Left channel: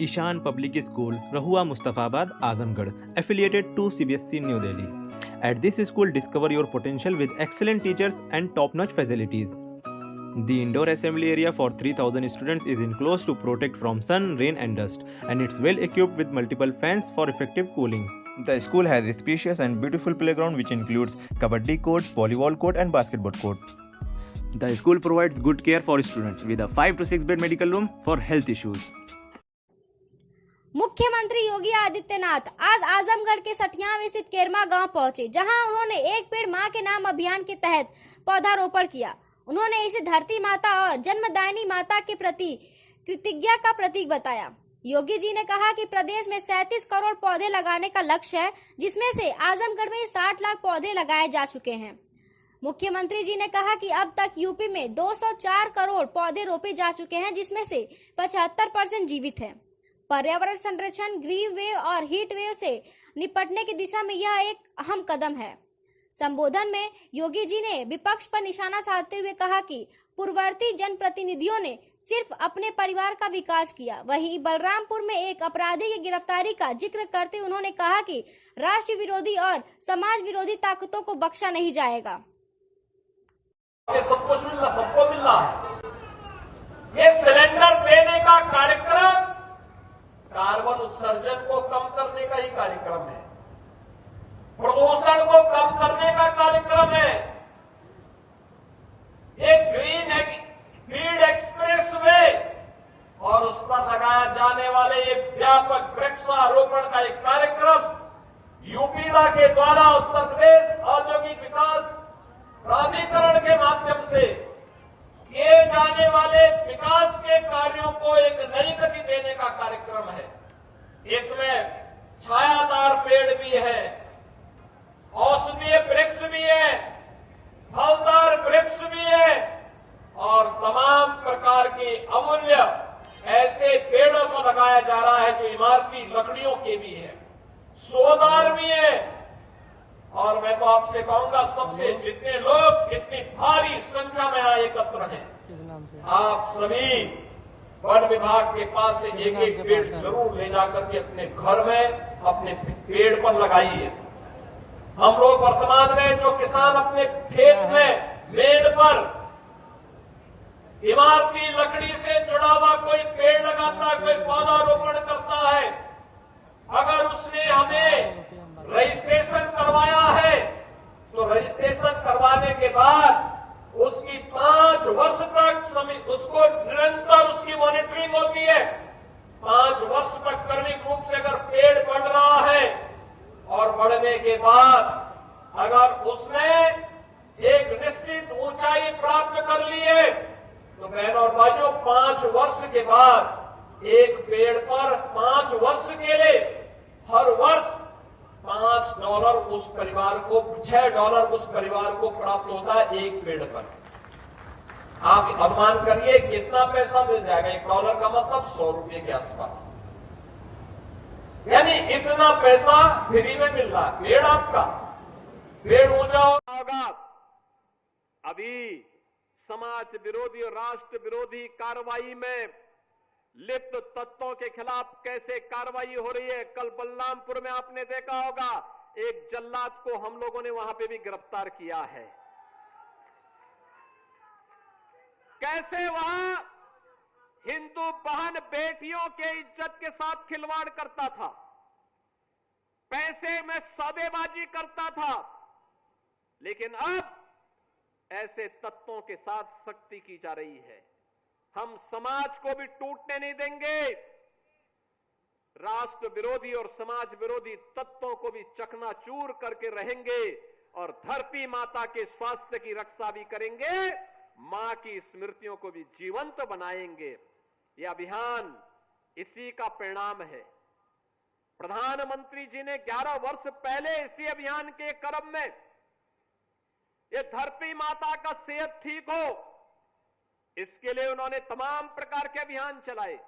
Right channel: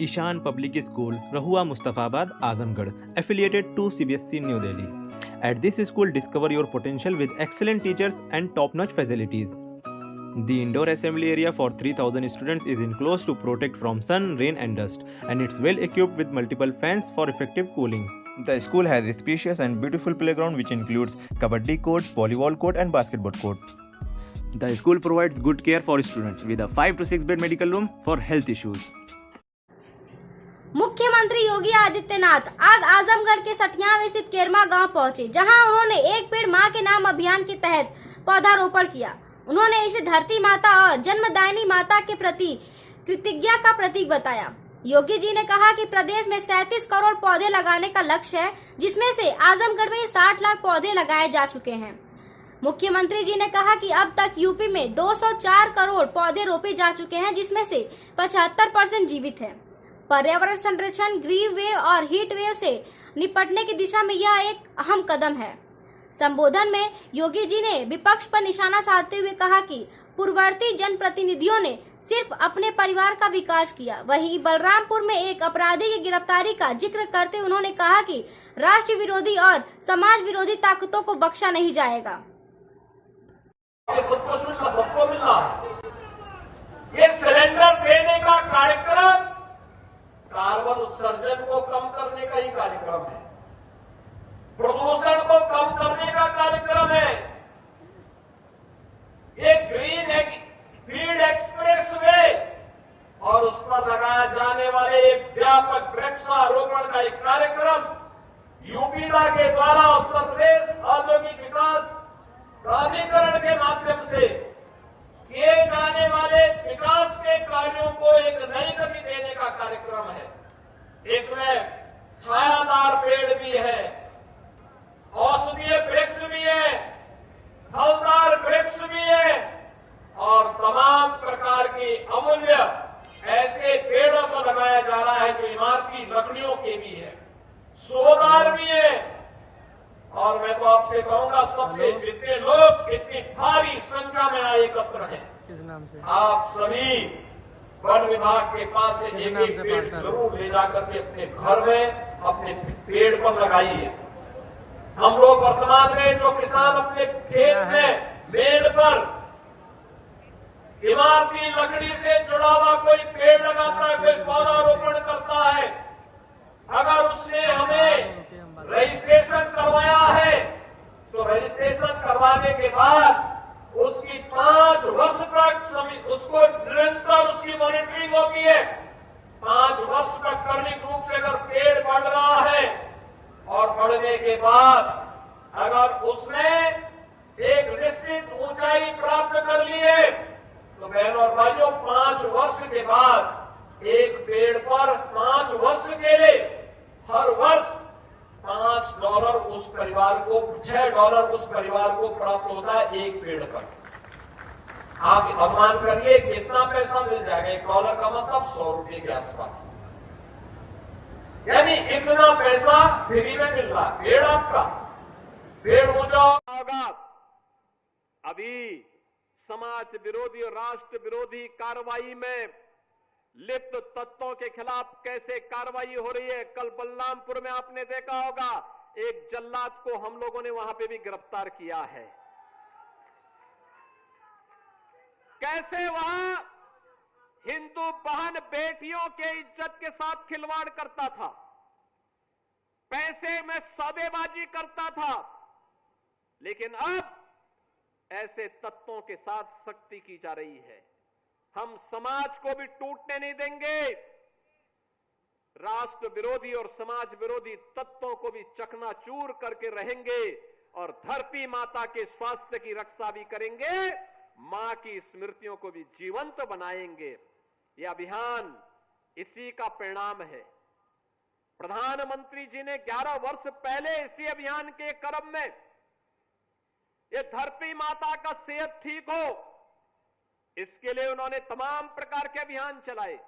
Ishan Public School, Rahua Mustafabad, Azamgarh, affiliated to CBSE New Delhi. At this school, discover your potential with excellent teachers and top-notch facilities. The indoor assembly area for 3,000 students is enclosed to protect from sun, rain and dust, and it's well equipped with multiple fans for effective cooling. The school has a spacious and beautiful playground which includes kabaddi court, volleyball court and basketball court. The school provides good care for students with a 5 to 6 bed medical room for health issues. मुख्यमंत्री योगी आदित्यनाथ आज आजमगढ़ के सठियावे स्थित केरमा गांव पहुंचे, जहां उन्होंने एक पेड़ मां के नाम अभियान के तहत पौधारोपण किया। उन्होंने इसे धरती माता और जन्मदायिनी माता के प्रति कृतज्ञता का प्रतीक बताया। योगी जी ने कहा कि प्रदेश में 37 करोड़ पौधे लगाने का लक्ष्य है, जिसमें से आजमगढ़ में 60 लाख पौधे लगाए जा चुके हैं। मुख्यमंत्री जी ने कहा कि अब तक यूपी में 204 करोड़ पौधे रोपे जा चुके हैं, जिसमें से 75% जीवित हैं। पर्यावरण संरक्षण, ग्रीन वेव और हीट वेव से निपटने की दिशा में यह एक अहम कदम है। संबोधन में योगी जी ने विपक्ष पर निशाना साधते हुए कहा कि पूर्ववर्ती जनप्रतिनिधियों ने सिर्फ अपने परिवार का विकास किया। वहीं बलरामपुर में एक अपराधी की गिरफ्तारी का जिक्र करते उन्होंने कहा कि राष्ट्र विरोधी और समाज विरोधी ताकतों को बख्शा नहीं जाएगा। सबको मिल रहा है। ये सिलेंडर देने का कार्यक्रम कार्बन उत्सर्जन को कम करने का ही कार्यक्रम है, प्रदूषण को कम करने का कार्यक्रम है। ये ग्रीन फील्ड एक्सप्रेस वे और उस पर लगाए जाने वाले एक व्यापक वृक्षारोपण का एक कार्यक्रम यूपीडा के द्वारा उत्तर प्रदेश औद्योगिक विकास प्राधिकरण के माध्यम से किए जाने वाले विकास के कार्यों को एक नई गति देने का कार्यक्रम है। इसमें छायादार पेड़ भी है, औषधीय वृक्ष भी है, फलदार वृक्ष भी है और तमाम प्रकार के अमूल्य ऐसे पेड़ों को लगाया जा रहा है जो इमारती लकड़ियों के भी है, सोदार भी है। और मैं तो आपसे कहूंगा, सबसे जितने लोग इतनी भारी संख्या में एकत्र हैं, आप सभी वन विभाग के पास से एक एक पेड़ जरूर ले जाकर के अपने घर में अपने पेड़ पर लगाइए। हम लोग वर्तमान में जो किसान अपने खेत में मेड़ पर इमारती लकड़ी से जुड़ा हुआ कोई पेड़ लगाता है, कोई पौधारोपण करता है, अगर उसने हमें रजिस्ट्रेशन करवाया है तो रजिस्ट्रेशन करवाने के बाद उसकी 5 वर्ष तक उसको निरंतर उसकी मॉनिटरिंग होती है। 5 वर्ष तक क्रमिक रूप से अगर पेड़ बढ़ रहा है और बढ़ने के बाद अगर उसने एक निश्चित ऊंचाई प्राप्त कर ली है तो बहनों और भाइयों 5 वर्ष के बाद एक पेड़ पर 5 वर्ष के लिए हर वर्ष $5 उस परिवार को, $6 उस परिवार को प्राप्त होता है एक पेड़ पर। आप अनुमान करिए कितना पैसा मिल जाएगा। $1 का मतलब 100 रुपए के आसपास, यानी इतना पैसा फ्री में मिल रहा है। पेड़ आपका, पेड़ ऊंचा होगा। अभी समाज विरोधी और राष्ट्र विरोधी कार्रवाई में लिप्त तत्वों के खिलाफ कैसे कार्रवाई हो रही है। कल बलरामपुर में आपने देखा होगा, एक जल्लाद को हम लोगों ने वहां पे भी गिरफ्तार किया है। कैसे वहां हिंदू बहन बेटियों के इज्जत के साथ खिलवाड़ करता था, पैसे में सौदेबाजी करता था, लेकिन अब ऐसे तत्वों के साथ सख्ती की जा रही है। हम समाज को भी टूटने नहीं देंगे, राष्ट्र विरोधी और समाज विरोधी तत्वों को भी चकनाचूर करके रहेंगे और धरती माता के स्वास्थ्य की रक्षा भी करेंगे, मां की स्मृतियों को भी जीवंत बनाएंगे। यह अभियान इसी का परिणाम है। प्रधानमंत्री जी ने 11 वर्ष पहले इसी अभियान के क्रम में ये धरती माता का सेहत ठीक हो, इसके लिए उन्होंने तमाम प्रकार के अभियान चलाए।